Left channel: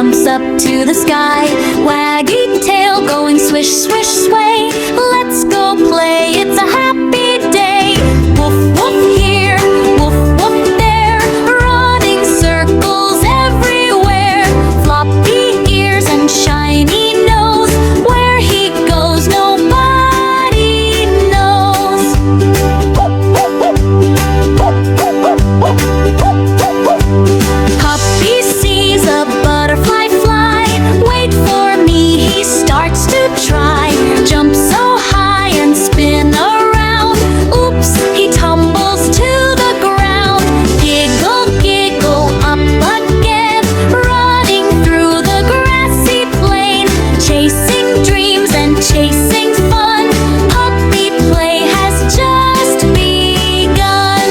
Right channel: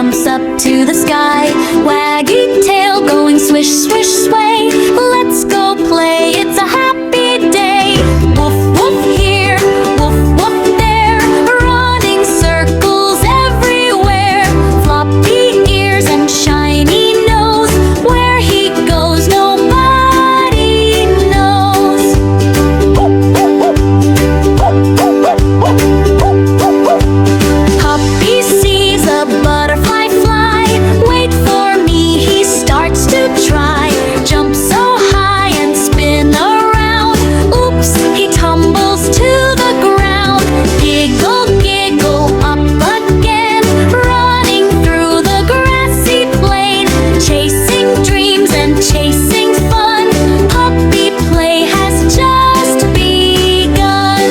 jumps up to the sky. Waggy tail going swish, swish, sway. Let's go play, it's a happy day. Woof, woof here, woof, woof there, running circles everywhere. Floppy ears and shiny nose, where he goes nobody knows. Puppy sees a butterfly fly. Wait for me, he starts to try. Jump so high and spin around. Oops, he tumbles to the ground. Giggle, giggle up again, running through the grassy plain. Chasing dreams and chasing fun. Puppy play has just begun.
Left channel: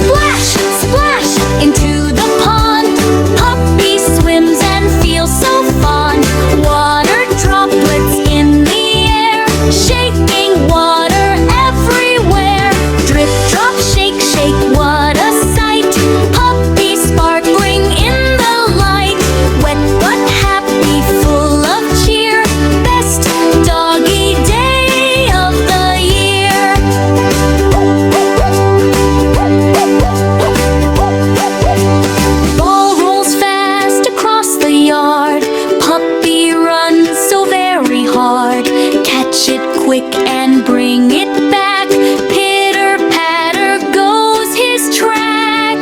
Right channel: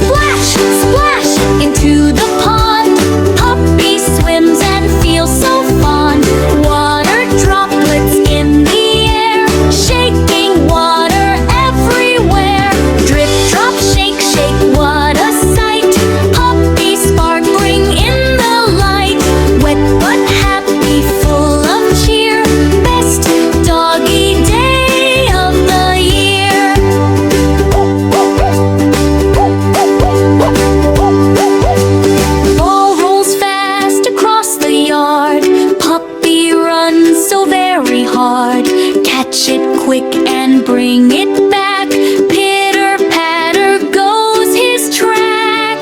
Splash, splash into the pond. Puppy swims and feels so fond. Water droplets in the air, shaking water everywhere. Drip, drop, shake, shake, what a sight. Puppy sparkling in the light. Wet but happy, full of cheer. Best doggy day of the year. Ball rolls fast across the yard. Puppy runs so very hard. Catch it quick and bring it back. Pitter patter goes his track.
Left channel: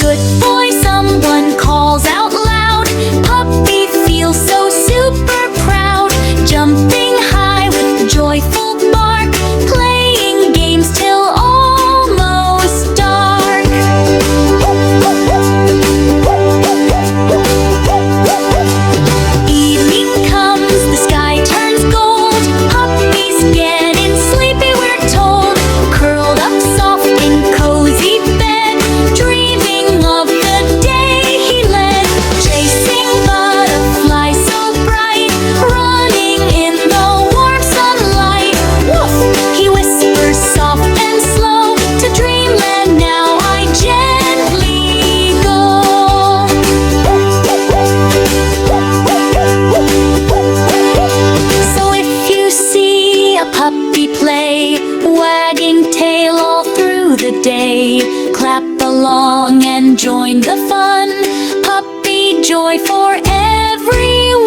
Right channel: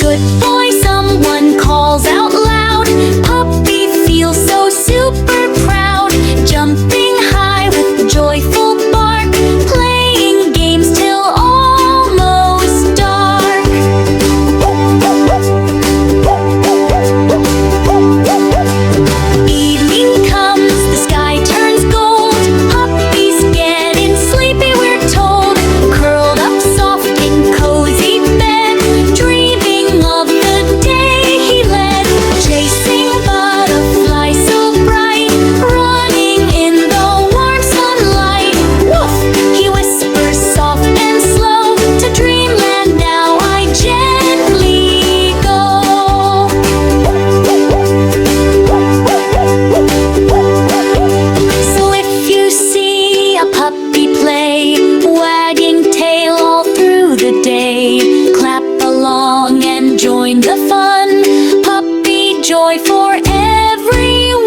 Good boy, someone calls out loud. Puppy feels so super proud. Jumping high with joyful bark. Playing games till almost dark. Evening comes, the sky turns gold. Puppies getting sleepy, we're told. Curled up soft in cozy bed, dreaming of the day he led. Chasing butterflies so bright, running in the warm sunlight. Woof, he whispers soft and slow. To dreamland now I gently go. So if you see a puppy play, wagging tail all through the day, clap along and join the fun. Puppy joy for everyone.